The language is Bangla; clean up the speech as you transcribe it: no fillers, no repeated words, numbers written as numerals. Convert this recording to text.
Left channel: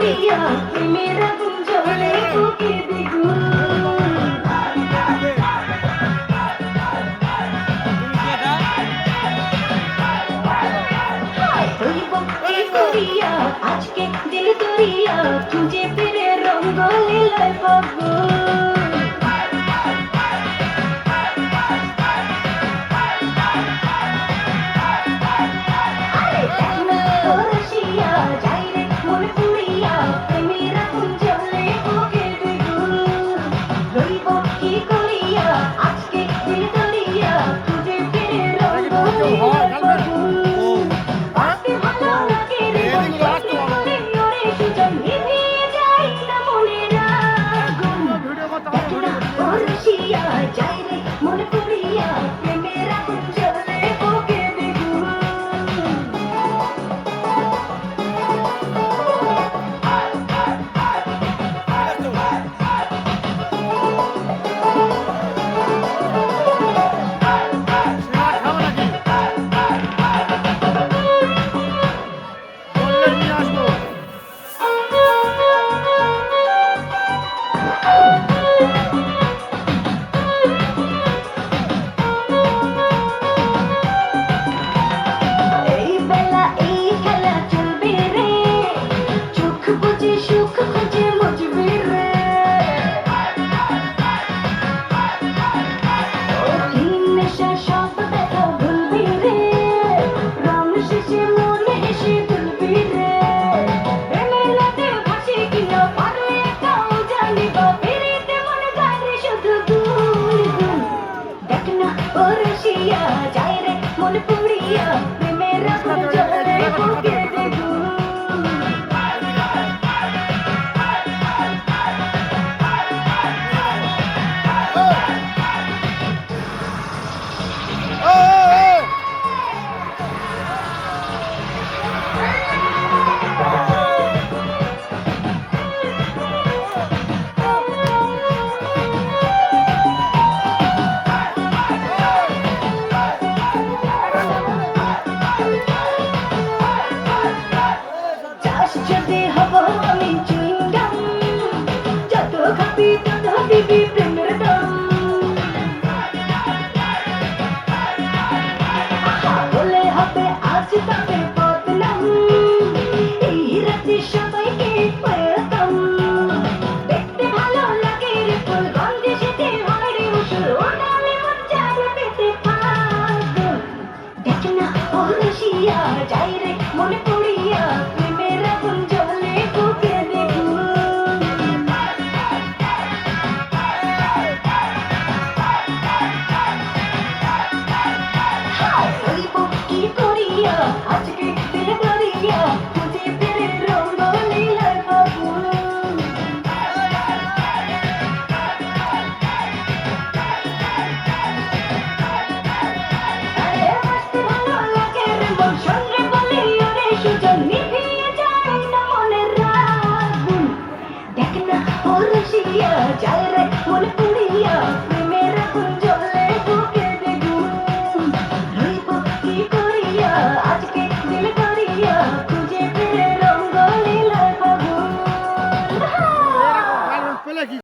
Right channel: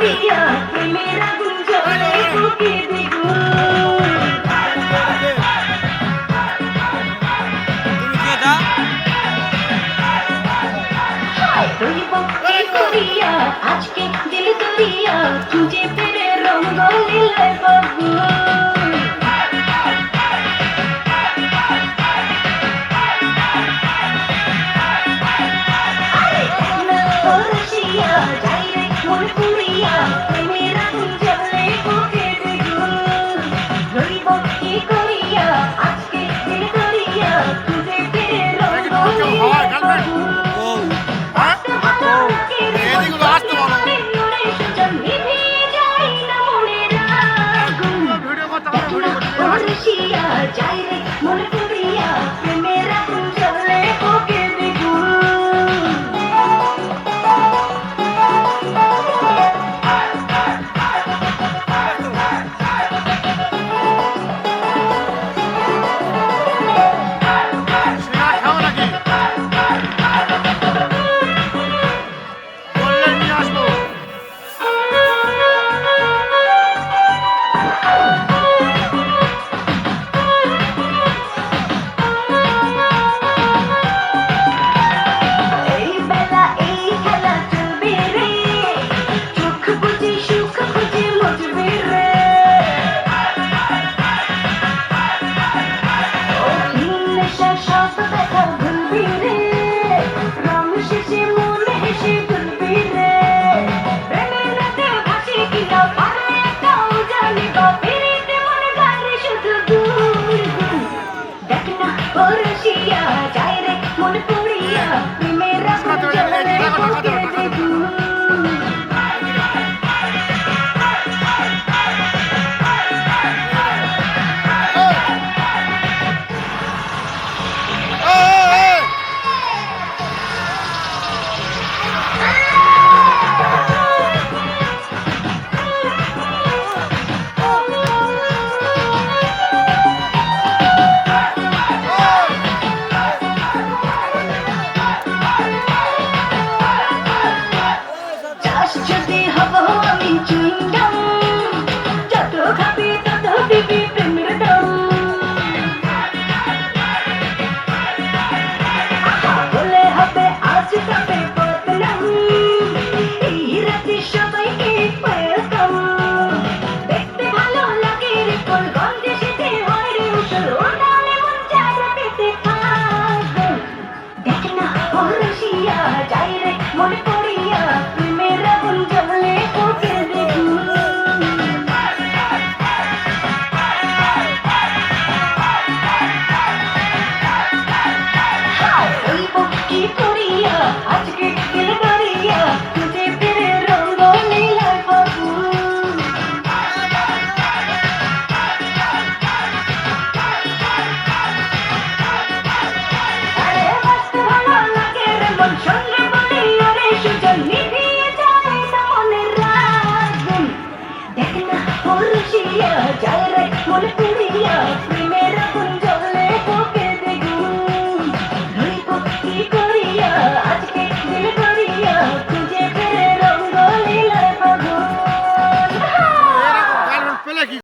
করিয়া প্রেমের আগুন জ্বলে বুকে দ্বিগুণ। রইব কি করিয়া আজকে দিল দরিয়া খুঁজে ফিরে রঙ্গ লীলায় বাবু। মনে করিয়া প্রেমের আগুন জ্বলে বুকে দ্বিগুণ। মনে পড়িয়া প্রেমের আগুন জ্বলে বুকে দ্বিগুণ। যদি হব আমি চুইংগাম যত খাবি তত দিবি প্রেমের দাম। বলে হবে আজ তবে বদনাম এই রাতে সবাইকে ওয়েলকাম। দেখতে ভালো লাগে রে তোর গন্ধে সেজে হয় রে উসুর ওড়ালে মন চায় পেতে পাগল। দেখ না ও রসিয়া যাই রে মনে পড়িয়া প্রেমের আগুন জ্বলে বুকে দ্বিগুণ। রইব কি করিয়া আজকে দিল দরিয়া খুঁজে ফিরে রঙ্গ লীলায় বাবুন। আরে বাঁচতে ভালো লাগে রে মন শুনলে বলি ওরে সুজন নিভিয়ে যায় না মনের আগুন। দেখ না ও রসিয়া